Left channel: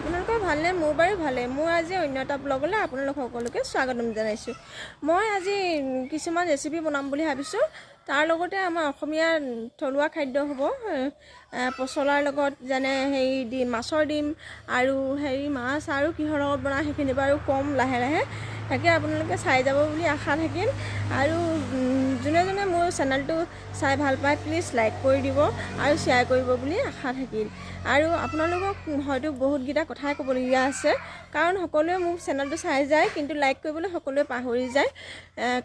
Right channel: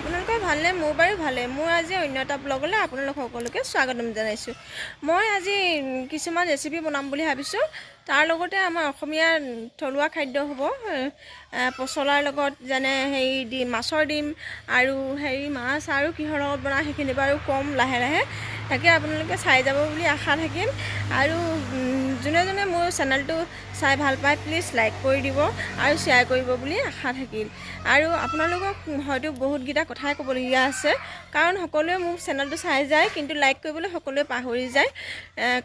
আপোনালোকৰ ভালনে? মোৰ বাৰু ভালে। মোৰ আজি অন্য এটা ব্লগলৈ আপোনালোক সকলোকে স্বাগতম জনাইছোঁ। মই আজি কিছুমান ৰেচিপি বনাম বুলি ভাবিছোঁ। তাৰ লগতে আমাৰ অসমীয়া থলুৱা খাদ্য হ'ব পচলাৰ লগত, যেনে মাছৰ ডিম আৰু মাছ আৰু কিহৰ লগত বনাওঁ সেইখিনি বাৰু ক'ম লাহে লাহে। তাকে আপোনালোকে চাই যাব বুলি আশা থাকিল। আৰু যোনে যোনে মোৰ চেনেলটো চাই ভাল পায় প্লিজ লাইক কৰি দিব আৰু শ্বেয়াৰ কৰিব বুলি আশা থাকিল। আৰু আপোনালোকক হয়তো বহুতকেইটা কথাই ক'বলগীয়া আছে, কাৰণ সকলোৱে মোৰ চেনেলটো চাই যায় কিন্তু লাইক কৰিবলৈ সকলোৱে পাহৰি যায়।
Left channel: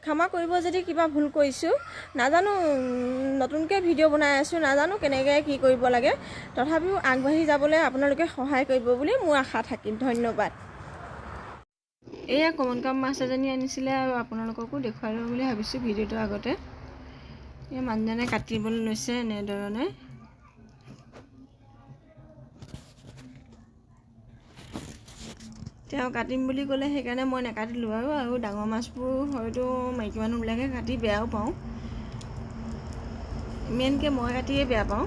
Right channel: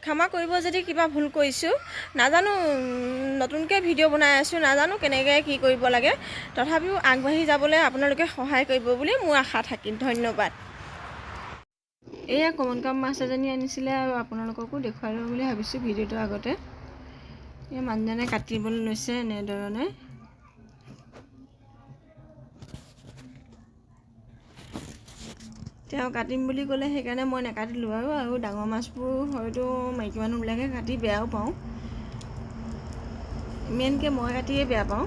ক্ষমা কৰিব যদি কিবা ভুল কৰিছোঁ। নাজানো, নতুনকৈ ভিডিঅ' বনাই আছোঁ, নাজানো কেনেকৈ কি কৰিব লাগে। তথাপিও আগবাঢ়ি যাবলৈ আপোনালোকে সহায় কৰিব বুলি মোৰ আশা থাকিল। ধন্যবাদ। এয়া কমন কাপ মাছ এজনী আনিছিলে আৰু আপোনালোককো দেখুৱাই লওঁ বুলি ভাবিছোঁ ভিডিঅ'টোৰ আগতে। এই মানুহজনে কাটিবলৈ লৈছে এনেধৰণে। তেওঁ কাটিম বুলি ক'লে সেইকাৰণে মই নাকাটিলোঁ। আৰু ডাঙৰ মাছবোৰ হয়তো মাইকী মানুহবিলাকে কাটি বেয়াও পাওঁ, মেইনকৈ মই কাটিয়ে বেয়া পাওঁ।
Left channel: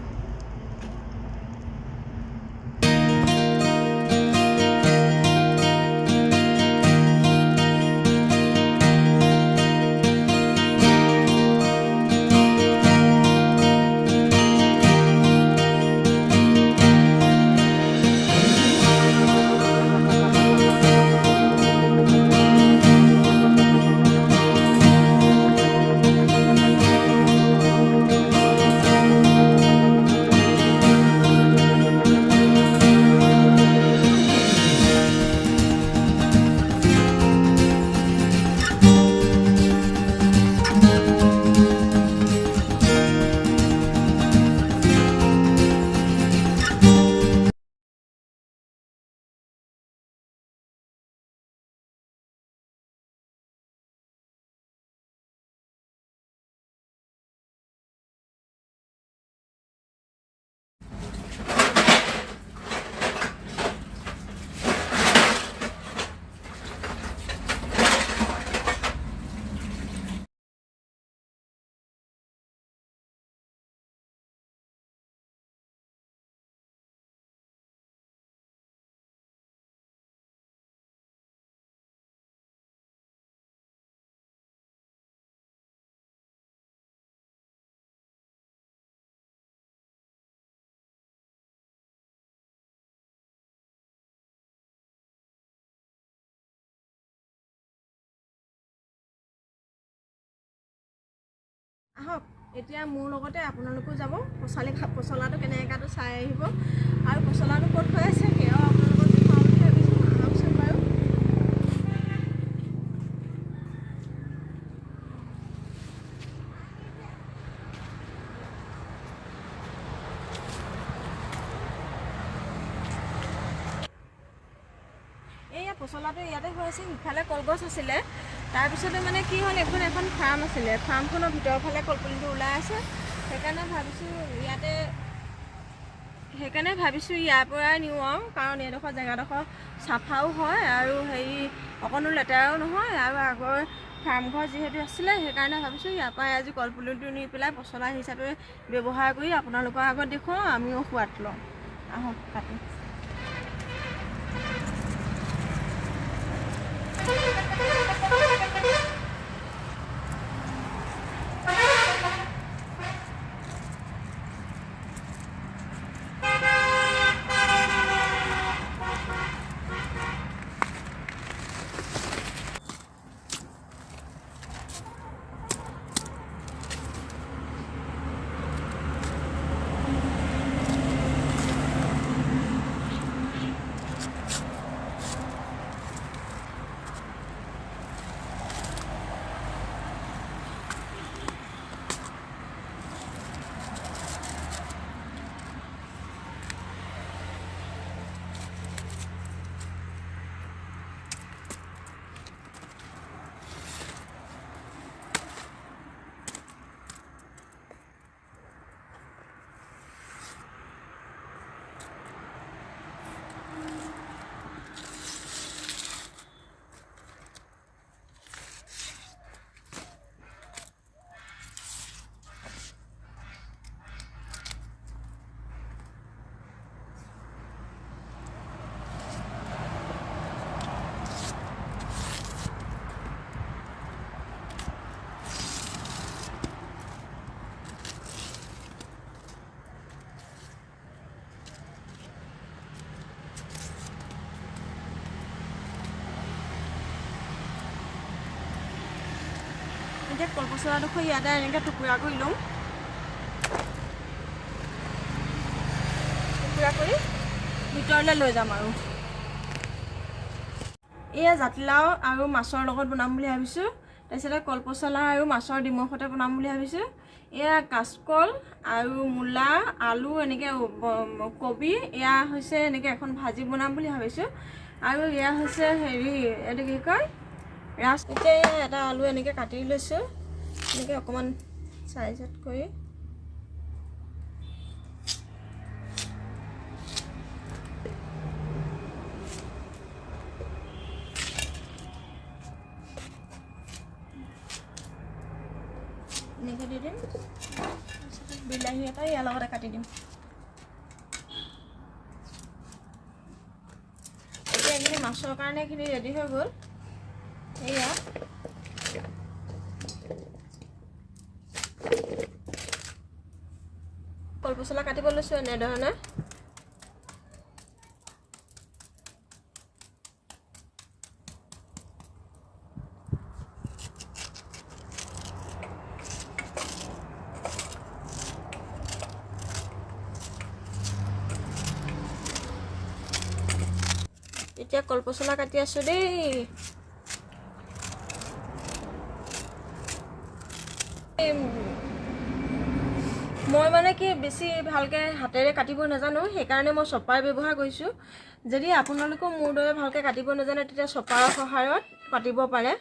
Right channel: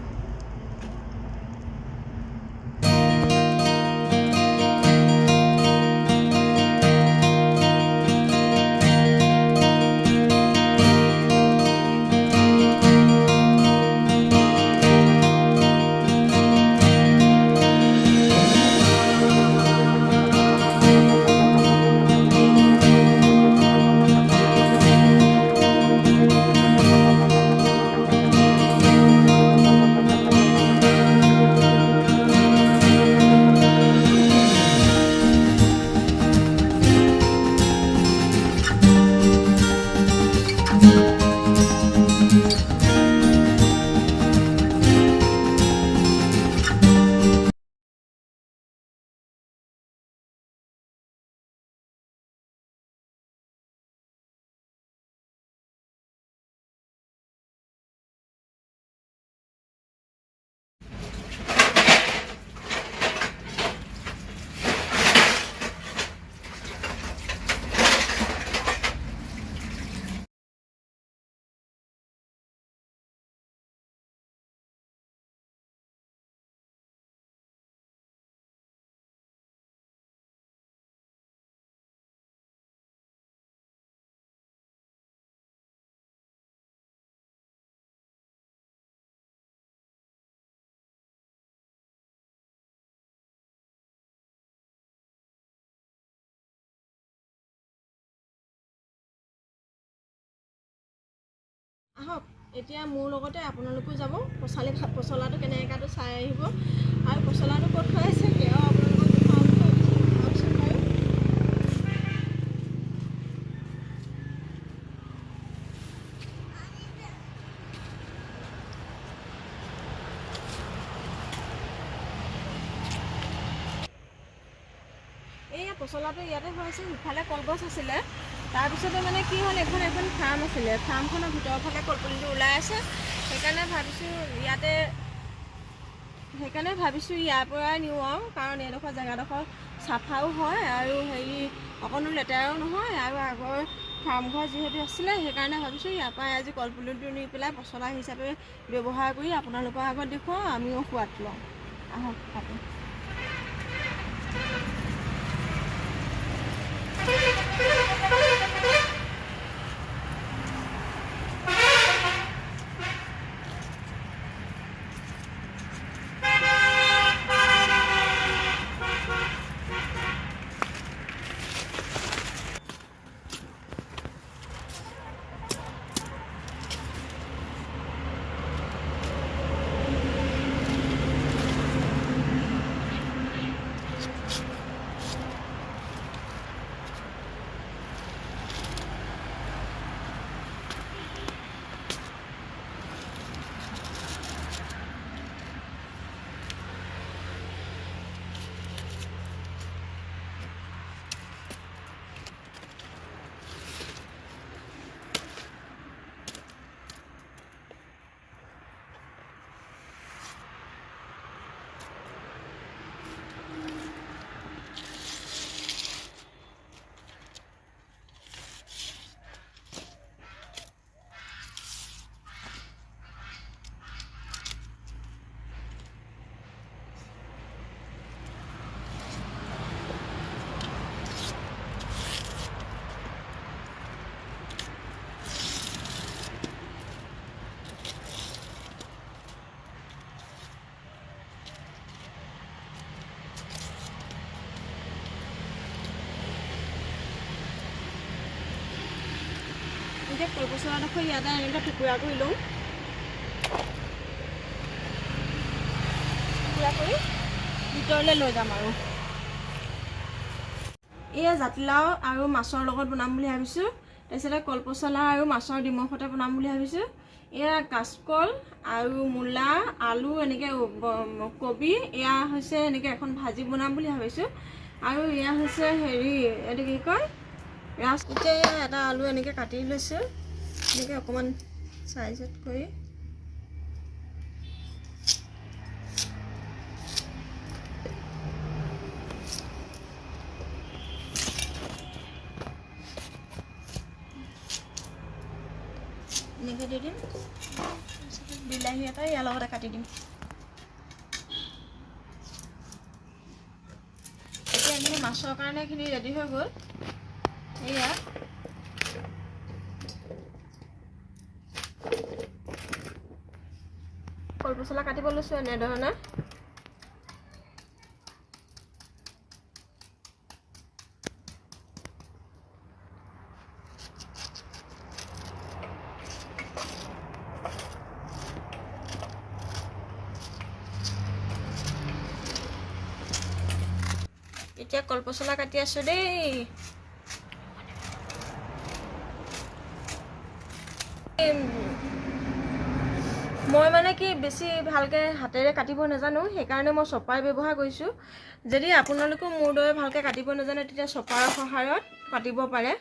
আহক এতিয়া মোৰ লগতে আপোনালোকো যাব, পচলাটো কেনেকৈ কাটো চাই আহিব। আৰু পচলাটো ক'ত থৈ আছে সেয়াও আপোনালোকক দেখাওঁ বুলি ভাবিছোঁ। আহকচোন বাৰু। এইয়া পচলাটো ইয়াতে হৈ আছে। ইফালে কলগছ আছিলে, তাৰপিছতে মানে কি হ'ল, এখন ফাৰ্ম আছিলে, ফাৰ্মখনৰ ভিতৰৰ ফালে কলপুলিটো ওলাই আছে। সেইকাৰণে ভাবিছোঁ ইয়াৰ পৰাই নিওঁ আৰু, কাৰণ এইডোখৰ জেগাডোখৰ চাফাও হয় আৰু অকণো লেতেৰাও নহয়। আৰু আগৰ ফাৰ্মঘৰ যিহেতু আছিলে সেইকাৰণে ভাবিছোঁ ইয়াৰ পৰাই আজি কলপুলিটো নি পেলাই পচলা হিচাপে ব্যৱহাৰ কৰি আপোনালোকৰ আগত দেখুৱাওঁ, আমিও সোৱাদ লওঁ। আহক কাটো। এতিয়া কলপচলাডোখৰ ইয়াতে এনেকৈ টুকুৰা কৰি লওঁ। টুকুৰা কৰি ভিতৰলৈ লৈ যাম আৰু এয়া জাতিলাও আৰু মাছৰ লগত বনাম বুলি ভাবিছোঁ। তাৰপিছতে কলপচলা আৰু মাছৰ ডিমৰ সৈতে বনাম বুলি ভাবিছোঁ। এয়া কাচকল আৰু মূলা আলু এনেকৈ কবি এয়া হৈছে এনেকৈ এখন ভাজি বনাম বুলি ভাবিছোঁ। আৰু এয়া হৈছে হেৰি এইটো কি কয় ৰাজ। এতিয়া এটা আলু এনেকৈ কাটি লৈছোঁ, এনেকৈ অকণমান চাইজত কৰি। এনেকৈ দি দিম, বিলাহী এটা ইয়াৰ লগতে কাটি দিম। এতিয়া এইখিনি মাছৰ কাৰণে এইখিনি ৰেডি হৈ গ'ল। এয়া কলপচলা কাটিব লৈছোঁ এনেধৰণে। এতিয়া কলপচলা কাটি আছোঁ দেই। মই মানে কি বেছি ভালকৈ হাতেৰে কাটিব নাজানো, সেইকাৰণে মই চপাৰ ব্যৱহাৰ কৰিছোঁ। যদি আপোনালোকেও মোৰ দৰে ভালকৈ কাটিব নাজানে তেতিয়া চপাৰৰ সহায়ত কাটিব পাৰে।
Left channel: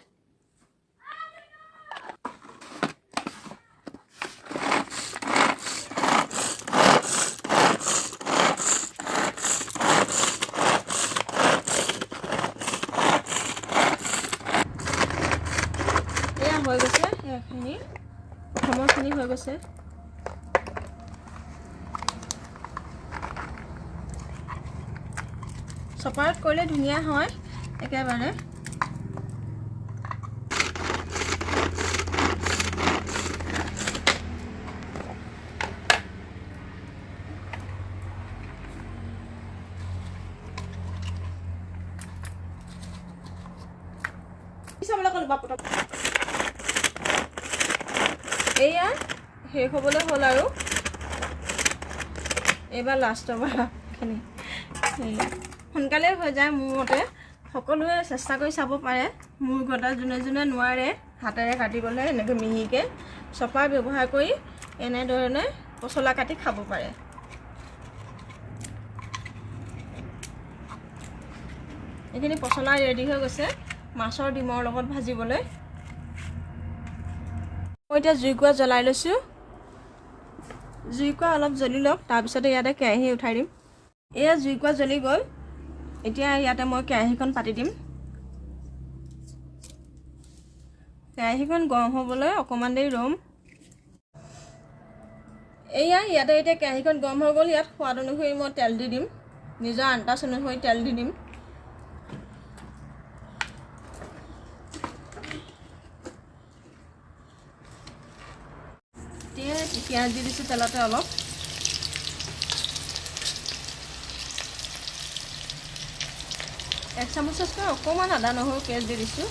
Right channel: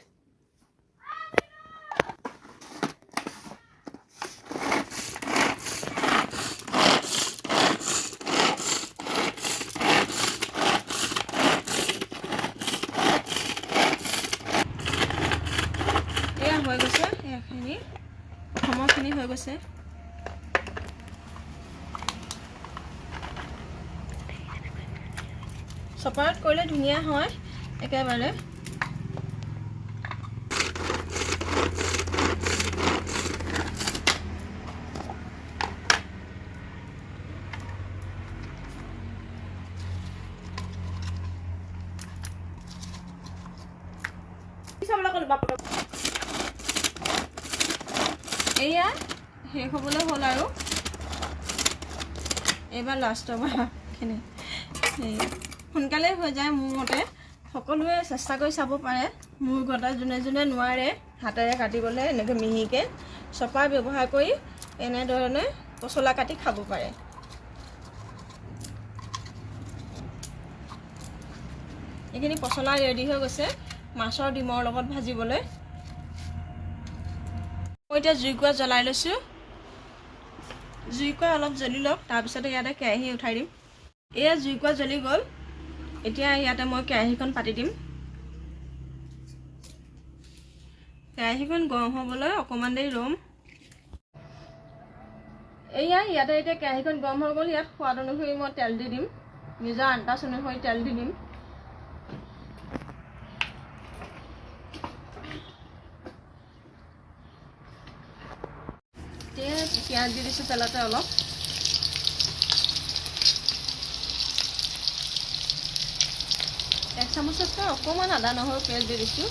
এয়া হৈ গৈছে, এইখিনি প্ৰথমৰখিনি হৈ গৈছে। চপাৰত কৰিলে ধুনীয়া হয় একেবাৰে। এয়া শেষ হ'বলৈ হ'ল আৰু এইবাৰ লাষ্টৰ বাৰখিনি সোনকালে হৈ যায় মোৰ মতে। সকলোৱে চেষ্টা কৰি চাব পাৰে। মোৰ গতা যোনে যোনে নোৱাৰে হাতেৰে কাটিবলৈ এনেকৈ মিহিকৈ চপাৰ ব্যৱহাৰ কৰি এনেধৰণে পচলা কাটি খাব পাৰে। এইখিনি পচলা ৰেডি হৈ গৈছে মাছৰ ডিমৰ লগত ভাজিবলৈ। মই এতিয়া জুইকুৰা জ্বলাই লৈছোঁ। জুইকুৰা অলপ জ্বলি লওক, তাৰপিছতে ইয়াতে কেৰাহী উঠাই দিম। এয়া জুইকুৰা জ্বলি গ'ল। এতিয়া ইয়াতে মই কেৰাহীখন পাতি দিম। কেৰাহীখন গৰম হ'বলৈ অকণমান দেৰি ৰ'ম। এয়া ইয়াতে এতিয়া কেৰাহীখন গৰম হৈ গ'ল। ইয়াত সোৱাদ অনুসৰি মই তেল দি দিম, নিজৰ আন্দাজ অনুসৰি তেল দি দিম। পিঁয়াজ দি দিছোঁ তেলতে অলপ। এক চামুচতকৈ অকণমান আদা নহৰু পেষ্ট দি দিছোঁ।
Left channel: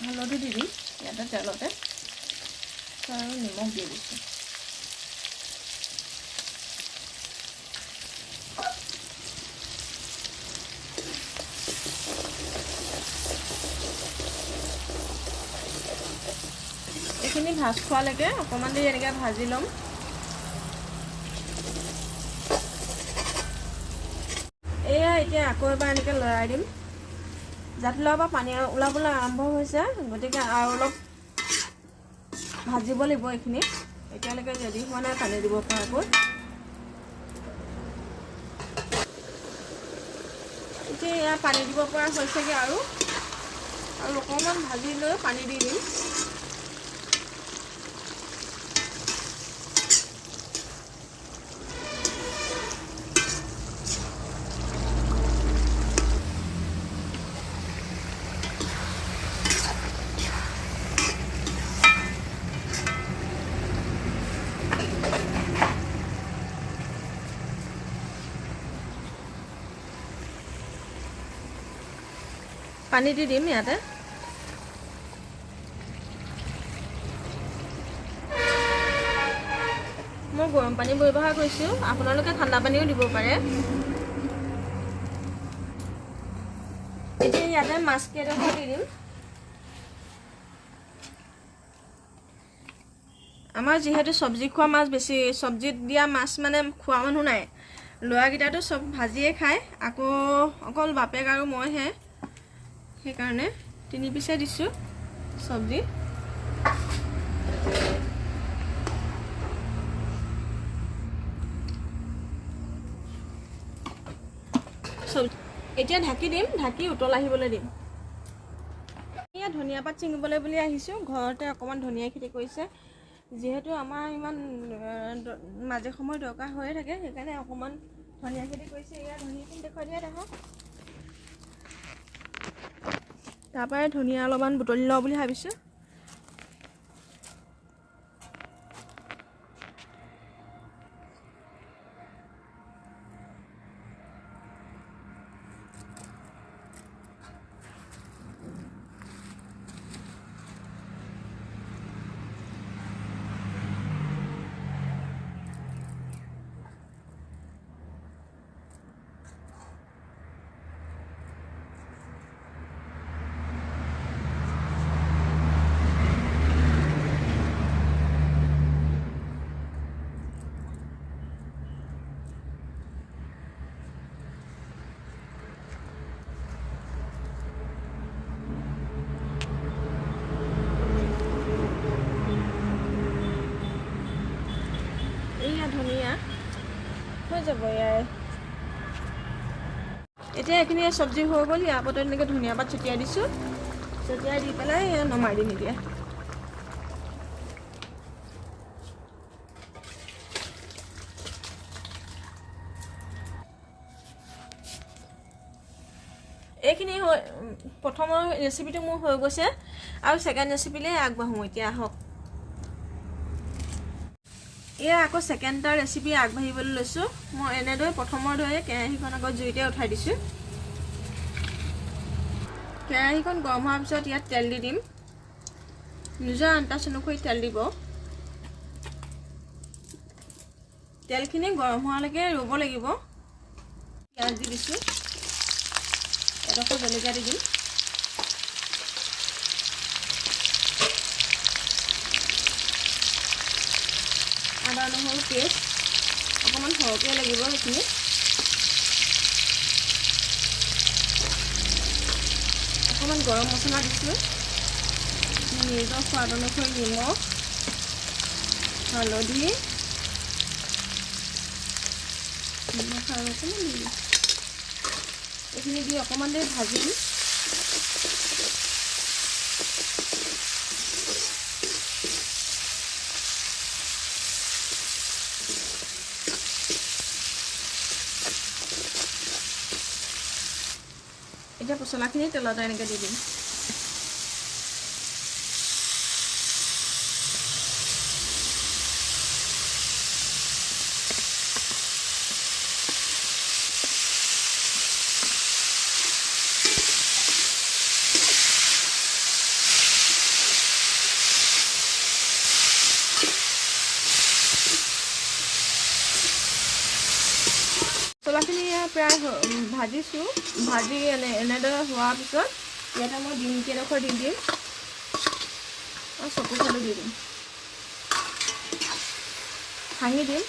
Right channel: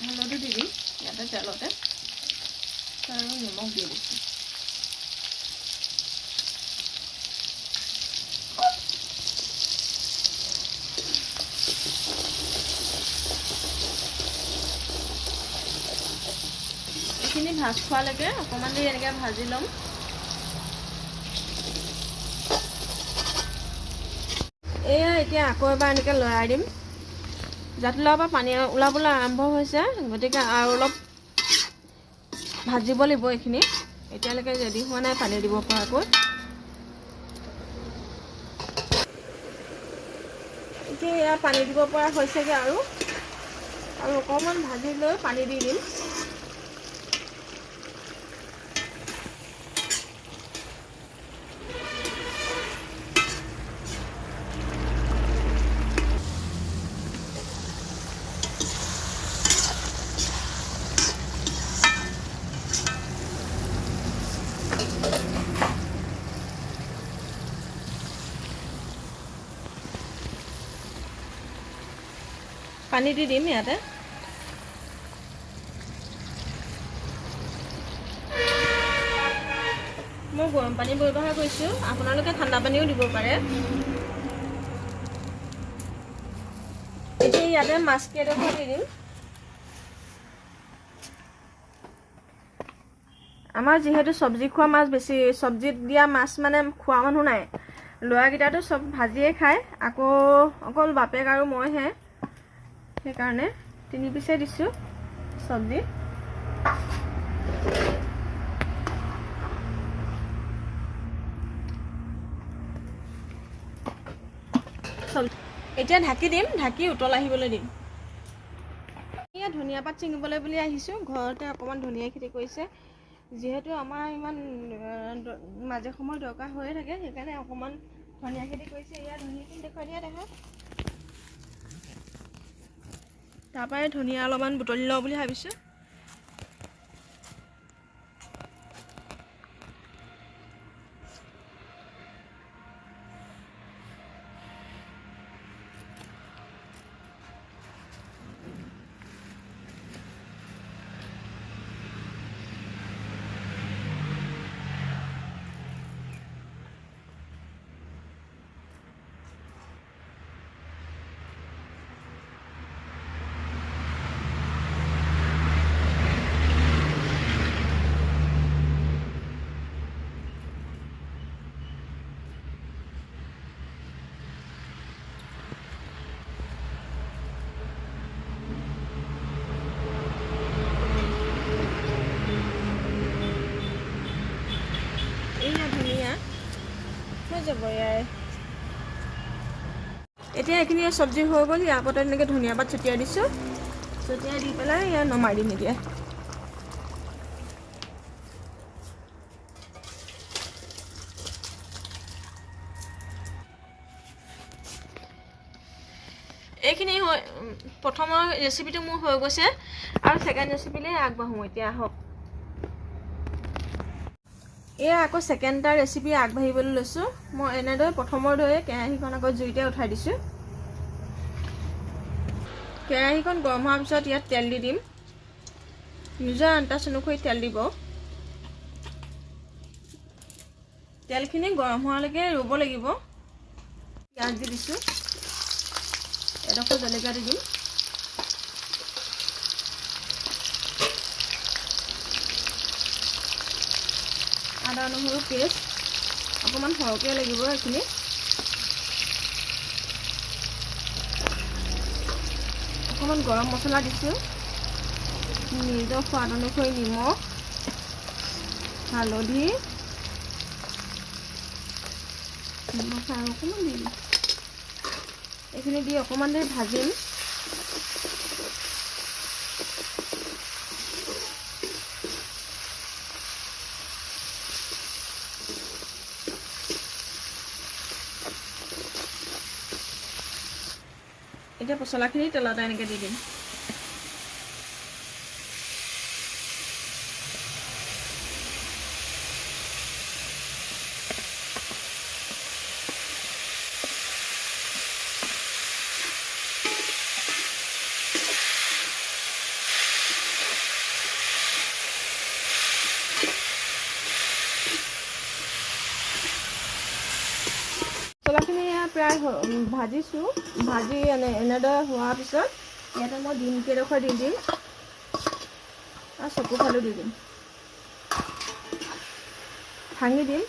হালধি দি দিম ইয়াতে তেলতে আৰু নিমখ দি দিছোঁ। এইখিনি ভাজ খোৱালৈকে অকণমান দেৰি এনেকৈ ভাজি ল'ম। এয়া এতিয়া আকৌ এবাৰ এনেকৈ লৰাই দিম। জাতিলাওৰ পৰা পানী ওলাবলৈ আৰম্ভ হৈছে, গতিকে আৰু অলপ ভাজিব লাগিব এইখিনি। এতিয়ালৈকে ৰেডি হোৱা নাই পানী দিব পৰাকৈ। এতিয়া এয়া পানী দিব পৰা হৈছেগৈ আৰু অকণমান ভাজি লৈ পানী দি দিম। পানী দি দিম ইয়াতে। মই গৰম পানী ব্যৱহাৰ কৰিছোঁ, আপোনালোকে ঠাণ্ডা পানীও দিব পাৰে। এতিয়া ইয়াতে মাছ কেইডোখৰ দি দিম। আমাৰ যিহেতু চব্জি খোৱা মাছ বেছি, চব্জিত দিয়া মাছ মানে খোৱা মানুহ নাই। ল'ৰাকেইটাতো চব ভাজিয়ে খায়, আকৌ অকল বাপেক আৰু মইহে, সেইকাৰণে 3 পিচে দিছোঁ চব্জি। এতিয়া ঢাকি দিম, ঢাকি উতল আহিবলৈ দিম। এয়া ধনিয়া পাত ছিঙিবলৈ বুলি আহিছোঁ। ঘৰতে অকণমান ধনিয়া খেতি কৰিছে, যিহেতু আমাৰ ইমান মাজে সময় দৰকাৰ হৈয়ে থাকে, সেইকাৰণে অকণমান ধনিয়া খেতি কৰিছে। এয়া ধনিয়াখিনি দেখুৱাই দিয়া দেখক। তাৰপৰাই ধনিয়া অলপমান বুটলি লওঁ বুলি ভাবিছোঁ। এয়া ধনিয়া হৈ যাব ইয়াৰ। এতিয়া এইখিনি চব্জি হৈ গ'ল। ইয়াৰ ওপৰত এনেকৈ ধনিয়া পাত ছটিয়াই দিছোঁ। ছটিয়াই দি পেলাই ইয়াত নমাই দিম এতিয়া। এইখিনি প্ৰথমৰ ৰেচিপিটো মোৰ হৈ গৈছে, আৰু ছেকেণ্ড ৰেচিপিলৈ আগবাঢ়োঁ এতিয়া। আহক, এয়া আকৌ ছেকেণ্ডটা ৰেচিপি আগবাঢ়িবলৈ লৈছোঁ। মই এনেদৰে প্ৰথমৰ দৰে কেৰাহীখন আকৌ জুইতে উঠাই দিছোঁ। কেৰাহীখন গৰম হোৱাৰ পিছত ইয়াত তেল দি দিম। নিজৰ আন্দাজ অনুসৰি তেল দিব। তেলখিনি গৰম হোৱালৈকে ৰ'ব লাগিব। পিঁয়াজ দি দিছোঁ, এডোখৰ জলকীয়া দি দিম। আদা নহৰু পেষ্ট অকণমান সৰহকৈ লাগিব এইখিনি। অকণমান গৰম মছলা দিছোঁ, নিজৰ সোৱাদ অনুসৰি নিমখ, হালধি, অকণমান দিম। এইখিনি দি অকণমান দেৰি ভাজিম। এতিয়া পচলাখিনি তেলতে এনেকৈ দি দিম। মছলাখিনি প্ৰায় ভাজিছোঁ। ভাজি এনেদৰে হোৱাৰ পিছত ইয়াতে মই ডিম কেইডোখৰ দি দিম আৰু চকু ফালো দি দিম, ভাঙি দিম।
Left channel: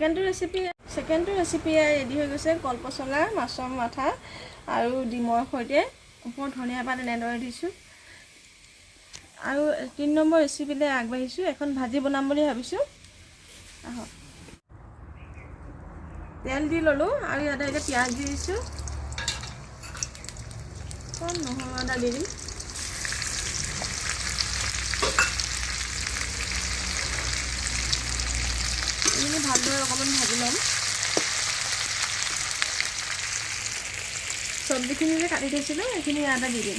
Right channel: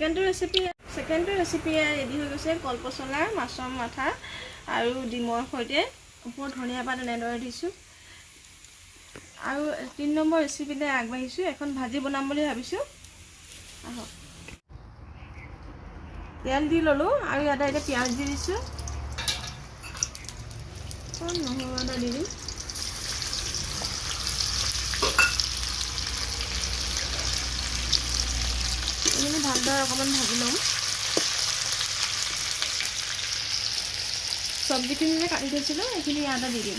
ছেকেণ্ডটো ৰেচিপি ৰেডি হৈ গৈছে। কলপচলা, মাছৰ মাথা আৰু ডিমৰ সৈতে ওপৰত ধনিয়া পাত এনেদৰে দিছোঁ। আৰু 3 নম্বৰ ৰেচিপিলৈ আগবাঢ়িছোঁ। এখন ভাজি বনাম বুলি ভাবিছোঁ। আহক, তেল দি ল'লোঁ আৰু ইয়াতে এতিয়া পিঁয়াজ দি দিছোঁ। নহৰু আদা দি দিম। এইখিনি ভালদৰে অকণমান ভাজি ল'ম। চব্জিখিনি যে কাটি থৈছিলোঁ সেইখিনি ইয়াতে দি দিম।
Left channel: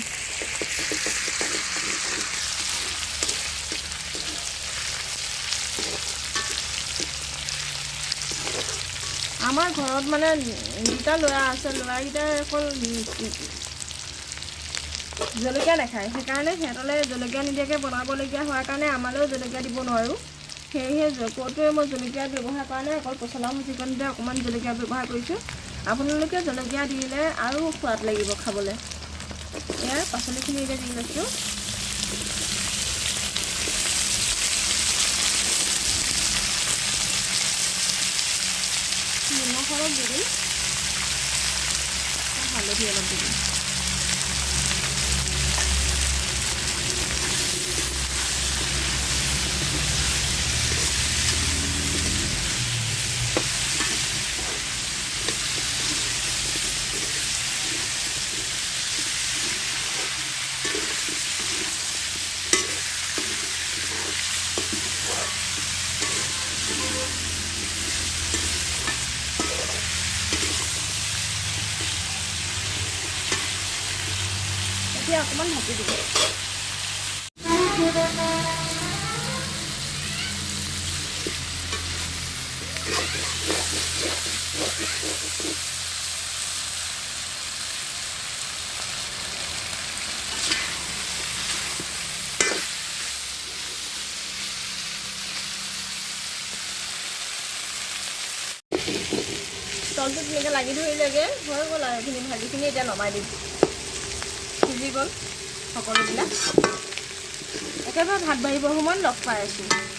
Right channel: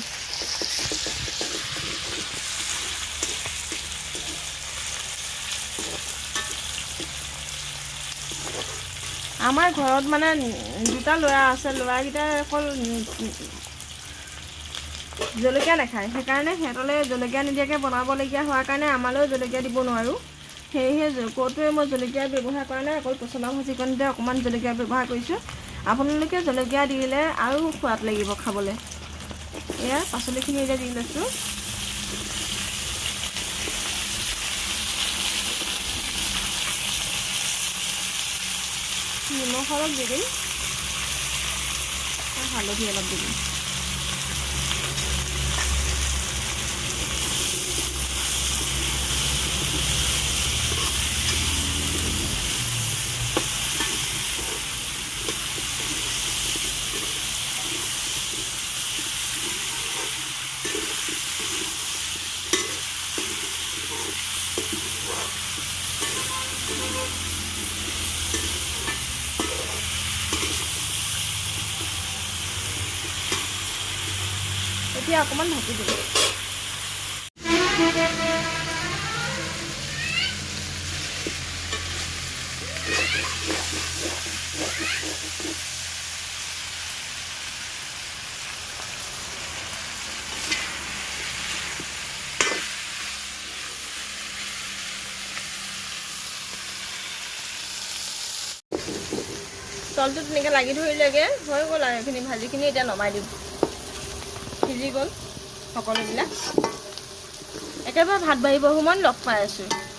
আমাৰ ঘৰত মানে দুটা ল'ৰা আছে, ল'ৰাকেইটাই অকল জলকীয়া নাখায়, সেইকাৰণে সিহঁতলৈ জলকীয়া নিদিয়াকৈ বনাবলগীয়া হোৱাৰ কাৰণে আমালৈও জলকীয়া দিব নোৱাৰোঁ। সেয়েহে ক'তোৱে মই জলকীয়া ব্যৱহাৰ কৰা নাই, অকল পচলা ভাজিকণতে অকণমান জলকীয়া ব্যৱহাৰ কৰিছোঁ। আপোনালোকে জলকীয়া দিলে আৰু সোৱাদ লাগিব খাবলৈ। এয়া পাচলিখিনি এতিয়া দি লৈছোঁ। নিমখ অলপ দি দিম, হালধি অলপ দি দিম। এতিয়া অকণমান ঢাকি দিব। তলটো তেনেকৈ লাগি ধৰিলেগৈ, হৈ গ'ল আৰু এইখিনি ভাজিখিনি এতিয়া নমাই দিম। সিজি গ'ল সকলোবিলাক। একেবাৰে ভাত বাঢ়িব সময়ত লগ পাই আছোঁ।